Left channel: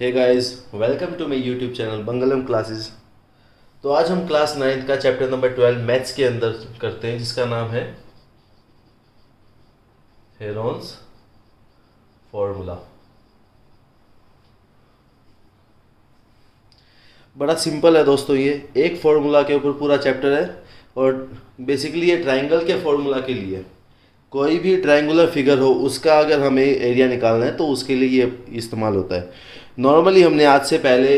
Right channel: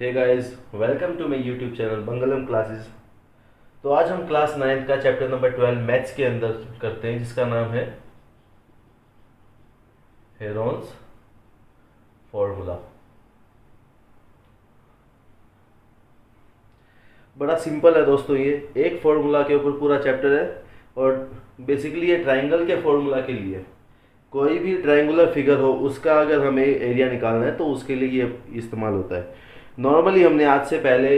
Hey guys, welcome to my YouTube channel Mangalam classes. तो आज हम क्लास 9 का चैप्टर नंबर 12 मैथ्स के अंदर करते हैं, जिसका नाम है हेरोन्स फॉर्मूला। बड़ा सिंपल है दोस्तों, ये एक फॉर्मूला के ऊपर पूरा चैप्टर है और बेसिकली ये ट्राइंगल के फॉर्मूला के लिए कोई भी ट्रायंगुलर फिगर हो उसका अगर हमें एरिया निकालना है तो उसके लिए ये इस्तेमाल होता है। नॉर्मली हमने आज से पहले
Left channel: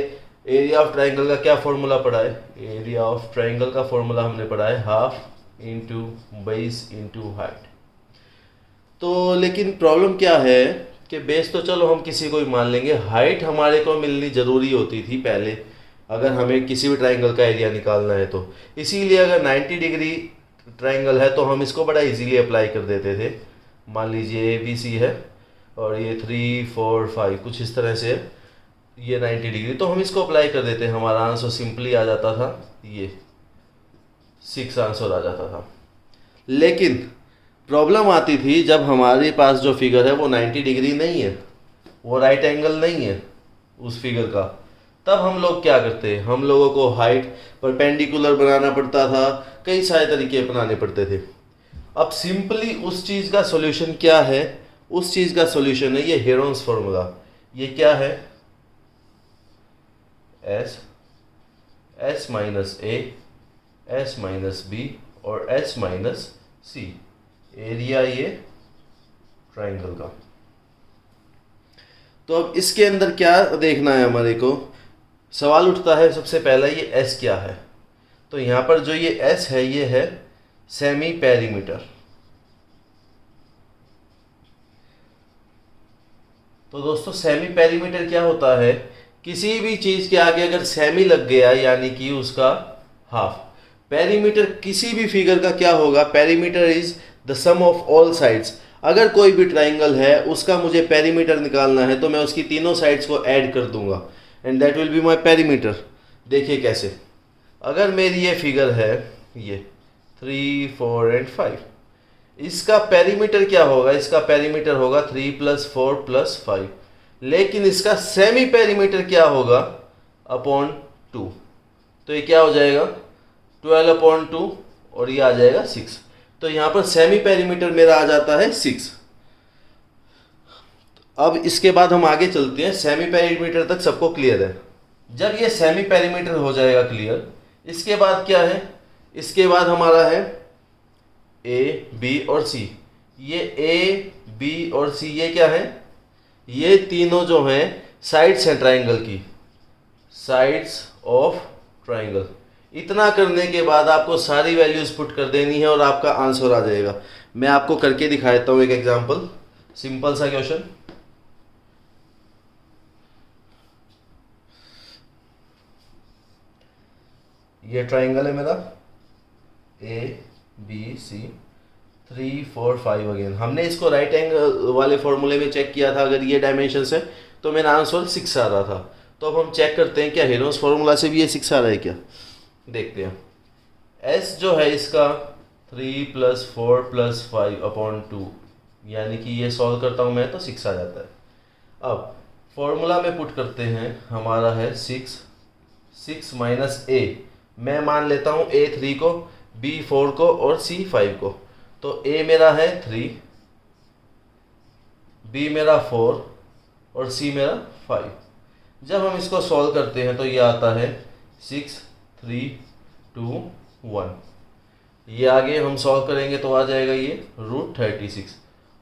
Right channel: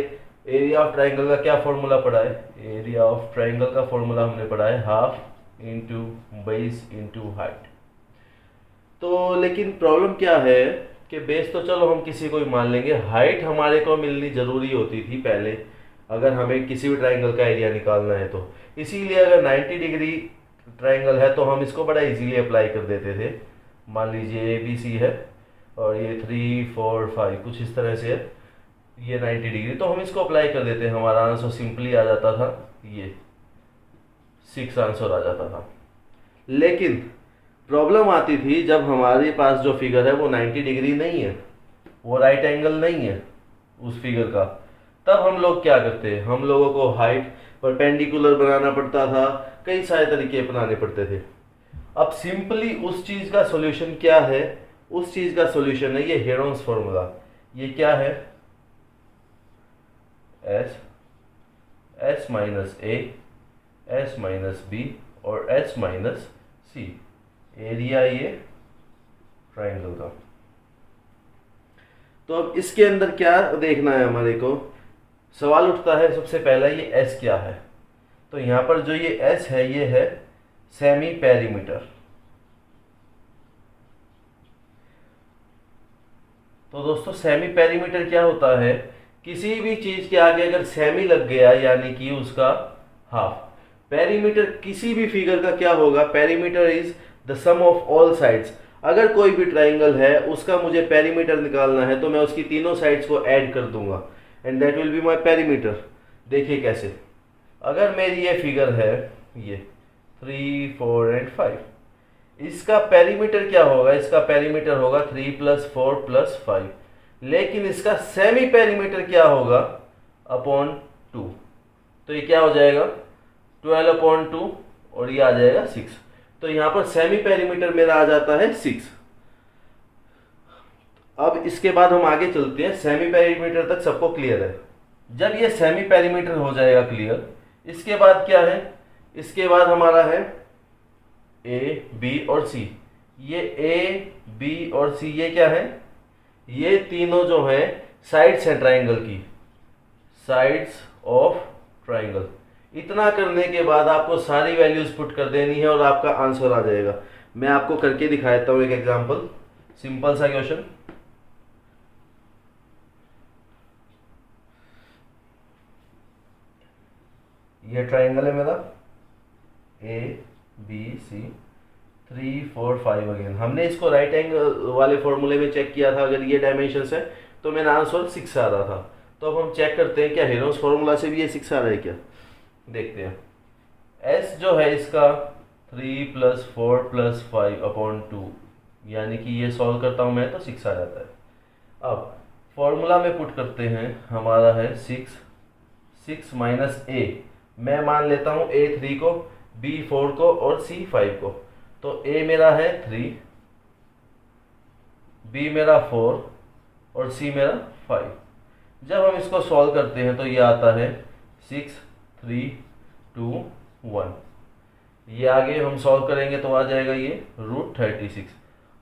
एरिया ऑफ ट्रायंगल का क्या फॉर्मूला पढ़ा है? एरिया ऑफ ट्रायंगल का फॉर्मूला हमने पढ़ा है half into base into height. तो लेकिन प्रॉब्लम क्या है कि बेस तो चलो हम किसी को भी मान लेंगे, हाइट हमारे को मिलनी ज़रूरी होती थी पहले अगर हमें किसी भी ट्रायंगल का एरिया निकालना है तो। इसीलिए अगर 90 डिग्री ट्रायंगल है तो हम इसको बड़ा इजीली अप्लाई कर देते थे। मान लीजिए ए बी सी है और ये 3 4 5 कुछ इस तरह से ये 90 डिग्री, तो हम इसको अप्लाई कर देते हैं, हमारा आंसर सिंपली आ जाता था, ये 6 आंसर आ जाता था। लेकिन प्रॉब्लम आती थी जब हमारे पास जो फिगर है वो 90 डिग्री नहीं है, वो राइट एंगल नहीं है उस फिगर का। तब हम लोग क्या करते हैं, हम लोगों को हाइट परपेंडिकुलर बनाना पड़ता था, कई सारे तरीके अपनाने पड़ते थे। अब सिंपली उस चीज़ का सॉल्यूशन क्या है? उस चीज़ का सॉल्यूशन है ये हेरोन्स फॉर्मूला। ये क्या है? एस एस माइनस ए, एस माइनस बी और एस माइनस सी, एरिया ये ट्राइंगल का। तो अब इसके अंदर क्या देखना है हमारे को? सवाल उठता है सबसे पहला, ये एस क्या है? तो यहाँ पर जो ये एस है ये है सेमी पेरीमीटर। तो दोस्तों सेमी पेरीमीटर क्या होता है? किसी भी चीज के आगे अगर सेमी लग गया यानी कि उसका हाफ। पेरीमीटर किसी भी फिगर का क्या होगा? Perimeter is the sum of all sides. अगर कोई भी ट्राइंगल है उसका मुझे पेरीमीटर निकालना है तो मैं उसकी तीनों साइड्स को ऐड कर दूंगा and that will be my perimeter. देखिए कैसे, अगर मेरी ये फिगर है ये 3 4 एंड 5, इसका पेरीमीटर क्या होगा? इसका पेरीमीटर होगा 3 + 4 + 5। लेकिन इसका सेमी पेरीमीटर क्या होगा? अपॉन 2। तो ये क्या हो जाएगा? 12/2 और ये आ जाएगा 6। तो यहाँ पर सेमी पेरीमीटर मेरा आ जाता है 6। अब इसके बाद हम आगे चलते हैं, सेमी पेरीमीटर तक सबको क्लियर है। जब ये सेमी पेरीमीटर हो जाएगा क्लियर, इसके बाद क्या है? इसके बाद हमारा है ए बी और सी। ये ए बी और सी ये क्या है? ये तीनों जो हैं साइड्स हैं ट्राइंगल की, साइड्स ऑफ ट्राइंगल। इतना करने के बाद आपको सारी वैल्यूज पुट कर देनी है और आपका आंसर आ जाएगा। मैं आपको करके दिखाता हूँ एक एग्जांपल, सिंपल सा क्वेश्चन। ये ट्राइंगल है मेरा ए बी सी 3 4 5। अगेन हमने इसको राइट एंगल वाले फॉर्मूले में चेक किया था, अगर ये डायमेंशन है तो मेरा आंसर 6 आ रहा था। तो अब हम चेक करते हैं क्या हेरोन्स फॉर्मूला से भी ये 6 आ रहा है क्या। देखते हैं। एस जो है इसका 3 + 4 + 5/2, यानी कि ये सॉल्व करता हूँ मैं तो 6 आ जाता है। अब फॉर्मूला में पुट करते हैं, हमारा है 6 माइनस ए। मैं मान लेता हूँ ए 3 को, बी 4 को और सी 5 को। तो ए मेरा है 3, बी मेरा 4 और सी मेरा 5। जब हम इसको सॉल्व करते हैं तो ये आता है 6 3 2 1। ये आगे हम सॉल्व करेंगे तो आ जाएगा ये √36।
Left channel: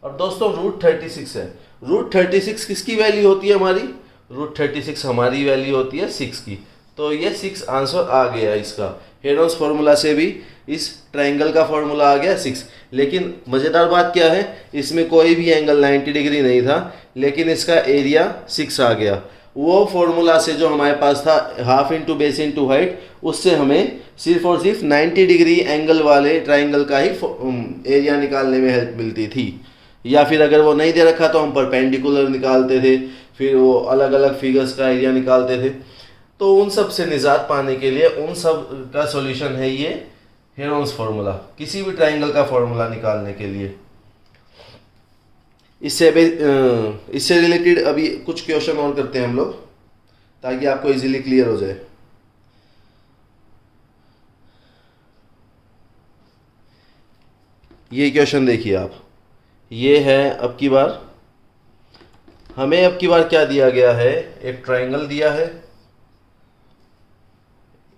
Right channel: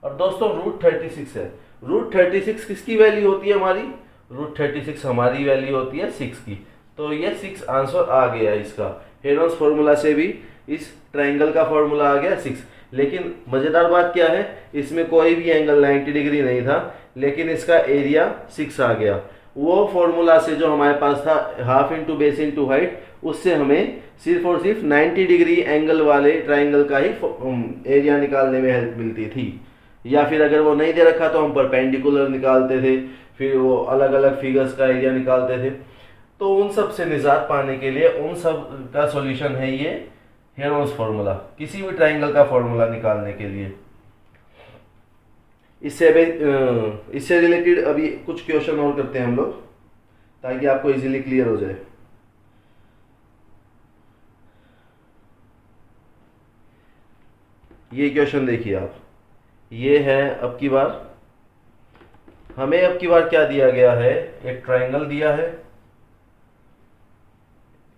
और दोस्तों √36 है, √36 किसकी वैल्यू होती है हमारी? √36 हमारी वैल्यू होती है 6 की। तो ये 6 आंसर आ गया इसका। हेरोन्स फॉर्मूला से भी इस ट्राइंगल का फॉर्मूला आ गया 6। लेकिन मज़ेदार बात क्या है, इसमें कोई भी एंगल 90 डिग्री नहीं था, लेकिन इसका एरिया 6 आ गया। वो फॉर्मूला से जो हमारे पास था half into base into height, उससे हमें सिर्फ और सिर्फ 90 डिग्री एंगल वाले ट्राइंगल का ही एरिया निकालने में हेल्प मिलती थी। या फिर अगर वो नहीं दे रखा तो हम परपेंडिकुलर निकालते थे, फिर वो अलग अलग फिगर्स का एरिया निकालते थे। तो उन सब से निजात पाने के लिए उन सब का सॉल्यूशन है ये हेरोन्स फार्मूला, किसी भी ट्राइंगल का फार्मूला निकालने के लिए। इससे रिलेटेड अभी कुछ क्वेश्चन और करते हैं हम लोग। ताकि आपको इजीली क्लियर हो जाए। ये क्वेश्चन देखिए आप, ये है अब की बार, हमें अब की बार क्या दिया गया है, एक ट्रायंगल दिया है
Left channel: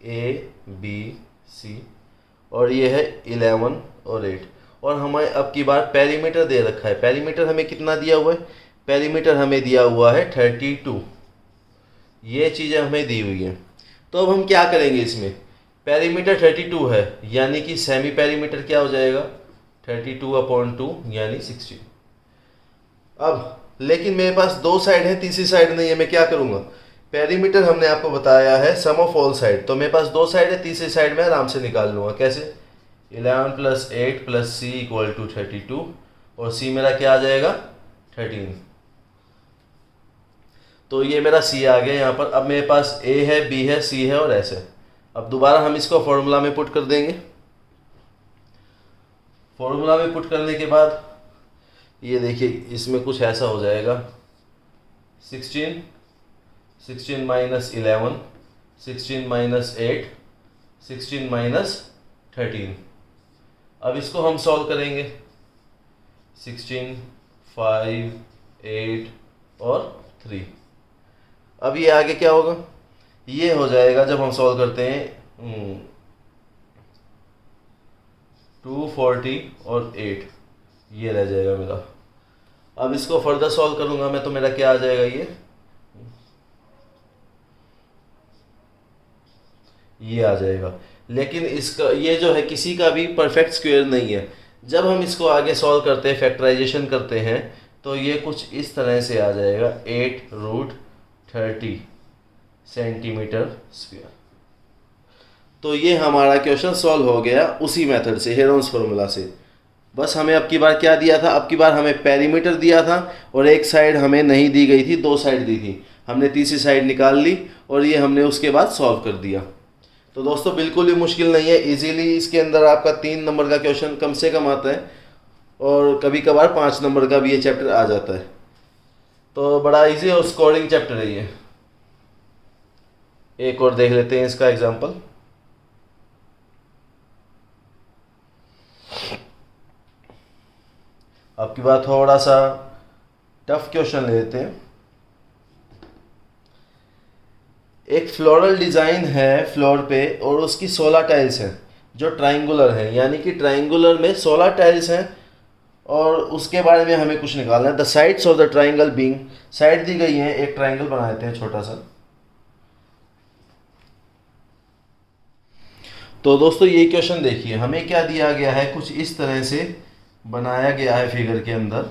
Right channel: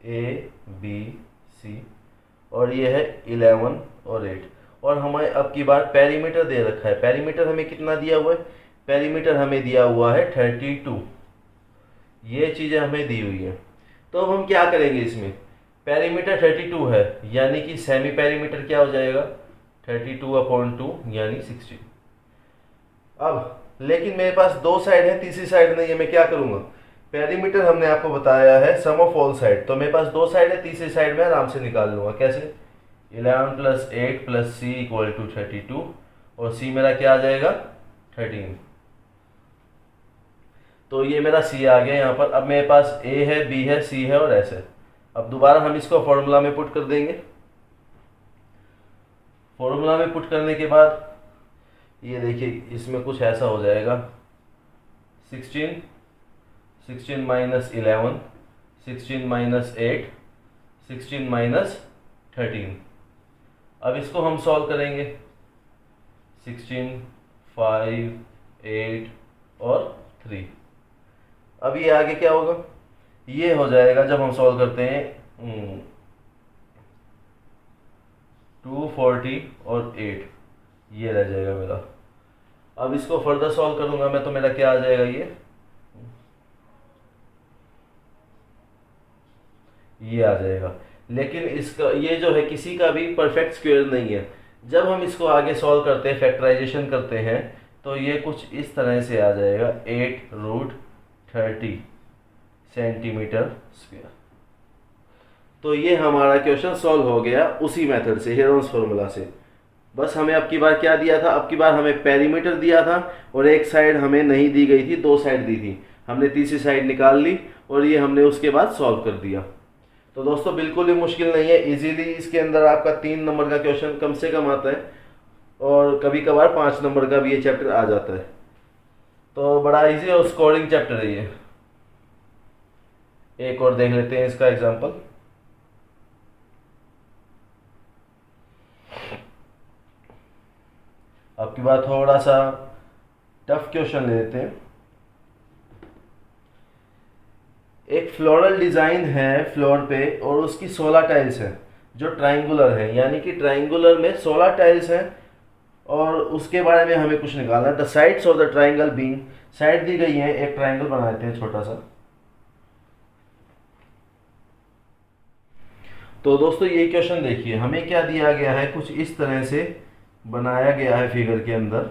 ABC, और ये है 11 और 8, और हमें अब की बार पेरीमीटर दे रखा है। पेरीमीटर हमें कितना दिया हुआ है, पेरीमीटर हमें दिया हुआ है 32। ये चीज़ें हमें दी हुई हैं। तो अब हम क्या करेंगे, इसमें पेरीमीटर 32 है, यानी कि सेमी पेरीमीटर क्या हो जाएगा 32/2 यानी 16। अब लेकिन मेरे पास दो साइड है, तीसरी साइड नहीं है, मैं क्या करूँगा, पेरीमीटर हमने आपको बताया है सम ऑफ ऑल साइड, तो मेरे पास दो साइड है, तीसरी साइड में आराम से निकाल लूँगा। कैसे, 11 + 8 + C = 32, और C मेरा क्या आ जाएगा 13। तो ये मेरा C आ गया यहाँ पर। अब मेरे पास A है, B है, C है और S है। अब दोबारा हम इसको फॉर्मूला में पुट कर देंगे। फॉर्मूला में पुट करने के बाद ये देखिए इसमें कुछ ऐसा हो जाएगा, 16 - 11, 16 - 8, 16 - 13। अब इसको हम सॉल्व करेंगे, 16, 5, 8 और 3। अब ये आगे क्या होगा, ये हो जाएगा जब हम सॉल्व करते हैं 240 और 8, ये रह जाएगा मेरा। अब इसको फर्दर सॉल्व करूंगा मैं, तो मेरा क्या आ जाएगा, ये आ जाएगा। लेकिन इसका ये जो है किसी का भी परफेक्ट स्क्वायर नहीं है। जब हम इसको आगे सॉल्व करते हैं, फैक्टराइजेशन करते हैं, तो ये कुछ इस तरह से आ जाएगा 8√30 सेंटीमीटर स्क्वायर। तो ये हमारा क्वेश्चन सॉल्व हो गया उसी मेथड से, हेरोन्स फार्मूला से। बस हमें अब की बार क्या दिया था, अब की बार हमें पेरीमीटर दिया था और एक साइड हमें नहीं दी गई थी, दो साइड दी थी, हमने तीसरी साइड निकाल ली और ये हमने उसके बाद सॉल्व कर दिया। तो दोस्तों बिल्कुल ही मुश्किल नहीं है, इजीली इसके अंदर आपका 3 नंबर का क्वेश्चन कम से कम आता है, और कभी कभार 5 नंबर का भी ये चैप्टर आ जाता है। तो बड़ा इजी और स्कोरिंग चैप्टर है ये। एक और देख लेते हैं इसका एग्जाम्पल। अब की बार थोड़ा सा टफ क्वेश्चन ले लेते हैं। एक फ्लोरल डिज़ाइन है फ्लोर पे और उसकी 16 टाइल्स हैं जो ट्राइंगुलर हैं, यानी कि ट्राइंगुलर में 16 टाइल्स हैं, और उसके बारे में हमें कुछ निकालना है। The sides of the triangle being, side दी गई है, एक ट्राइंगल बना देते हैं छोटा सा। तो दोस्तों ये क्वेश्चन देखिए, हमें क्या दिया गया है, कुछ इस तरह से बनाया गया है फिगर के अंदर।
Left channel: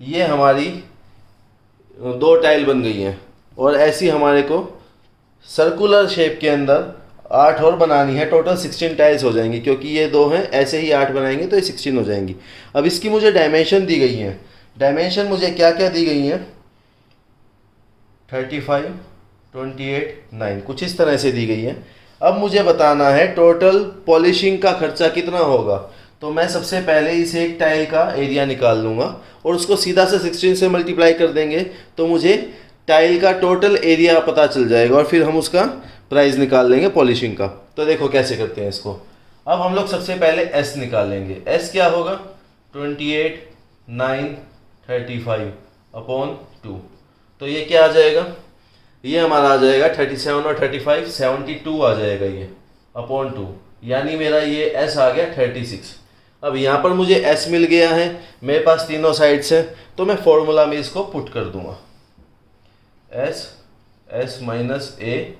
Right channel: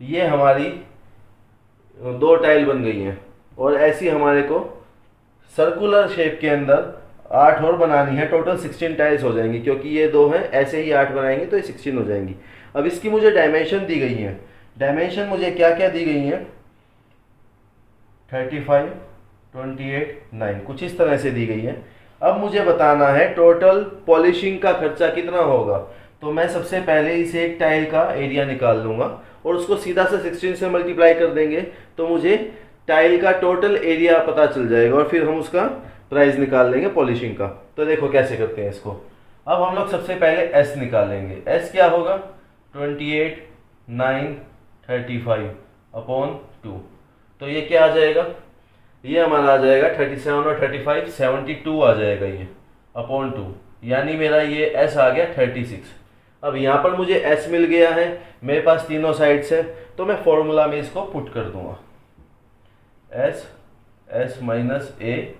ये हमारी दो टाइल बन गई हैं, और ऐसी हमारे को सर्कुलर शेप के अंदर 8 और बनानी है। टोटल 16 टाइल्स हो जाएंगी, क्योंकि ये दो हैं, ऐसे ही 8 बनाएंगे तो ये 16 हो जाएंगी। अब इसकी मुझे डायमेंशन दी गई है। डायमेंशन मुझे क्या क्या दी गई हैं, 35, 28, 9, कुछ इस तरह से दी गई है। अब मुझे बताना है टोटल पॉलिशिंग का खर्चा कितना होगा। तो मैं सबसे पहले इस एक टाइल का एरिया निकाल लूँगा और उसको सीधा से 16 से मल्टीप्लाई कर देंगे, तो मुझे टाइल का टोटल एरिया पता चल जाएगा, और फिर हम उसका प्राइस निकाल लेंगे पॉलिशिंग का। तो देखो कैसे करते हैं इसको। अब हम लोग सबसे पहले एस निकालेंगे। एस क्या होगा, 28, 9, 35/2। तो ये क्या आ जाएगा, ये हमारा आ जाएगा 37 और 35, 72 आ जाएगा ये /2, यानी मेरा ये एस आ गया 36। अब यहाँ पर मुझे एस मिल गया है, मेरे पास तीनों साइड्स हैं, तो मैं फॉर्मूला में इसको पुट कर दूंगा। एस, एस माइनस ए,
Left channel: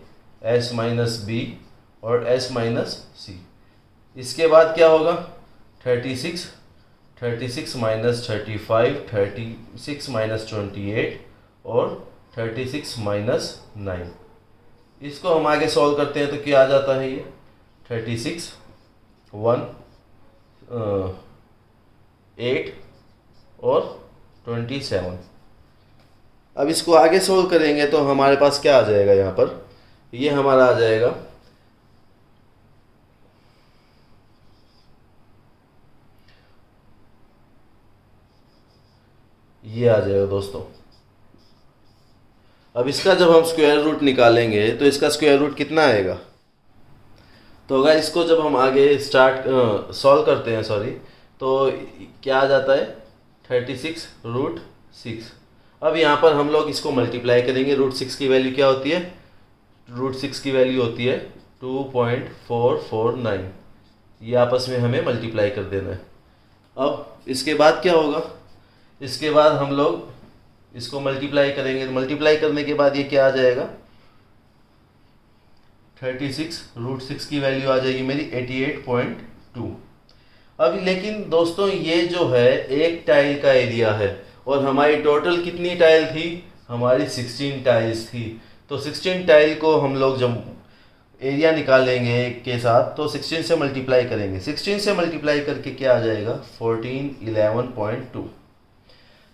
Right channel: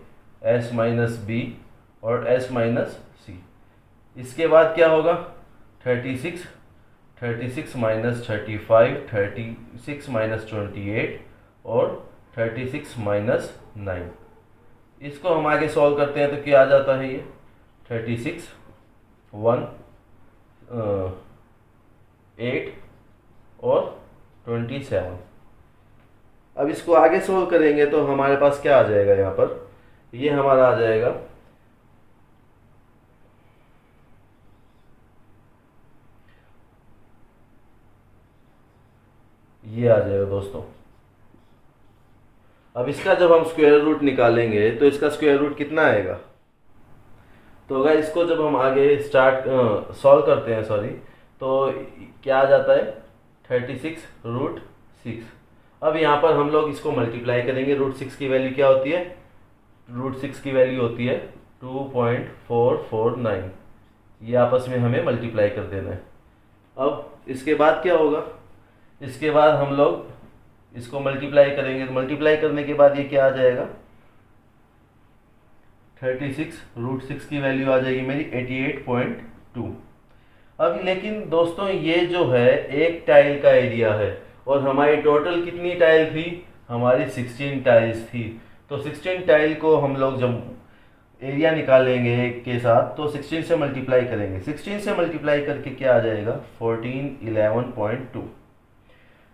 एस माइनस बी और एस माइनस सी। इसके बाद क्या होगा, 36, 36 माइनस 35, 36 माइनस 28 और 36 माइनस 9। इसको हम आगे सॉल्व करते हैं तो क्या आ जाता है, ये 36, 1, 8 और 27। अब इसको आगे सोल्व करेंगे तो हमारे पास क्या आ जाएगा, यहाँ पर ये हमारा आ जाएगा ये आ जाएगा दोस्तों। अब इसका जब हम स्क्वायर रूट निकालेंगे तो इसका स्क्वायर रूट कितना आएगा? तो अगर इसको जब हम आगे सॉल्व करते हैं, सॉरी, तो क्या आ जाता है? 36√6। अब यहाँ पर हम लोग इसको मल्टीप्लाई करेंगे। √6 की वैल्यू क्या होती है? √6 की वैल्यू होती है 2.449। ये आपस में हमें मल्टीप्लाई कर देना है। अब इसके बाद क्या होगा? इसके बाद हम लोग इसको मल्टीप्लाई करेंगे। मल्टीप्लाई करने के बाद ये क्या आ जाएगा? 36√6 की वैल्यू आ जाएगी मेरी 88.2। अब लेकिन दोस्तों ये जो है एक टाइल का एरिया है और हमारी टोटल कितनी टाइल थी? हमारी 16 टाइल्स थी। तो 16 टाइल को हम लोग जब एरिया निकालेंगे के साथ तो 16 से मल्टीप्लाई करेंगे। 16 से मल्टीप्लाई करके क्या आ जाएगा? 1411.2।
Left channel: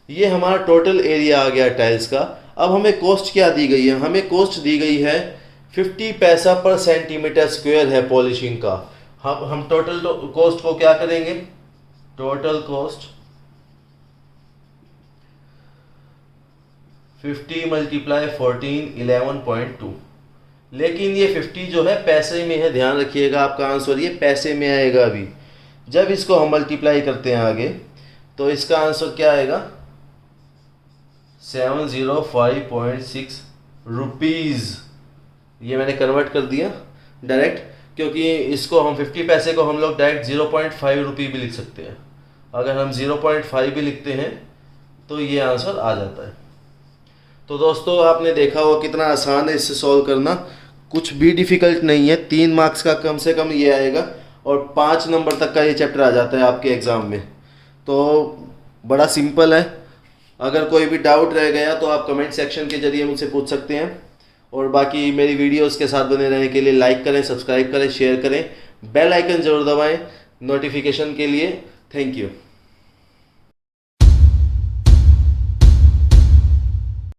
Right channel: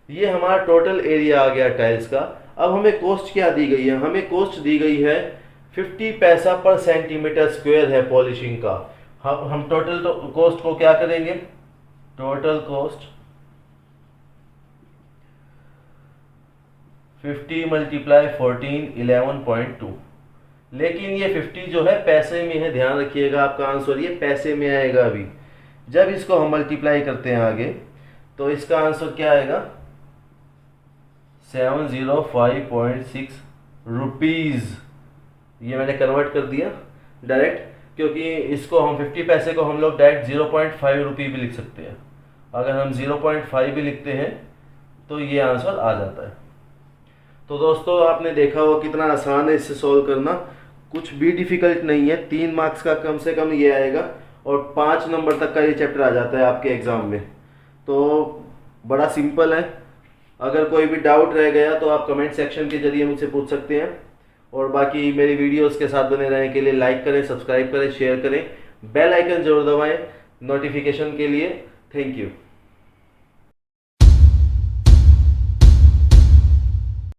ये हमारा टोटल एरिया आ गया टाइल्स का। अब हमें कॉस्ट क्या दी गई है? हमें कॉस्ट दी गई है 50 पैसा पर सेंटीमीटर स्क्वायर है पॉलिशिंग का। हम टोटल कॉस्ट को क्या करेंगे? Total cost 50 multiply 1411.2। लेकिन ये 50 जो है पैसे में है, ध्यान रखिएगा, आपका आंसर ये पैसे में आएगा। अभी जब इसको हम मल्टीप्लाई करते हैं आगे तो इसका आंसर क्या आएगा? 705.6 रुपीज़। ये मैंने कन्वर्ट कर दिया डायरेक्ट, क्योंकि इसको हम 50 पैसे को हम लोग डायरेक्ट 0.5 रुपये भी लिख सकते हैं। अगर हम 0.5 भी लिखते हैं तो ये आंसर आ जाता है। तो दोस्तों आपने देखा हो कितना आसान है इससे सॉल्व करना, कुछ भी डिफ़िकल्ट नहीं है। 3 मार्क्स का कम से कम ये आएगा और 5 नंबर तक का ये चैप्टर आ जाता है आपके एग्ज़ाम में। तो बड़ा सिंपल है। अगर कोई भी डाउट रह गया तो आप कमेंट सेक्शन के जरिए मुझसे पूछ सकते हैं। और बाकी मेरी वीडियोस के साथ बने रहने के लिए लाइक करें, सब्सक्राइब करें, शेयर करें, बेल आइकन ज़रूर दबाएं नोटिफिकेशन के लिए। Thank you.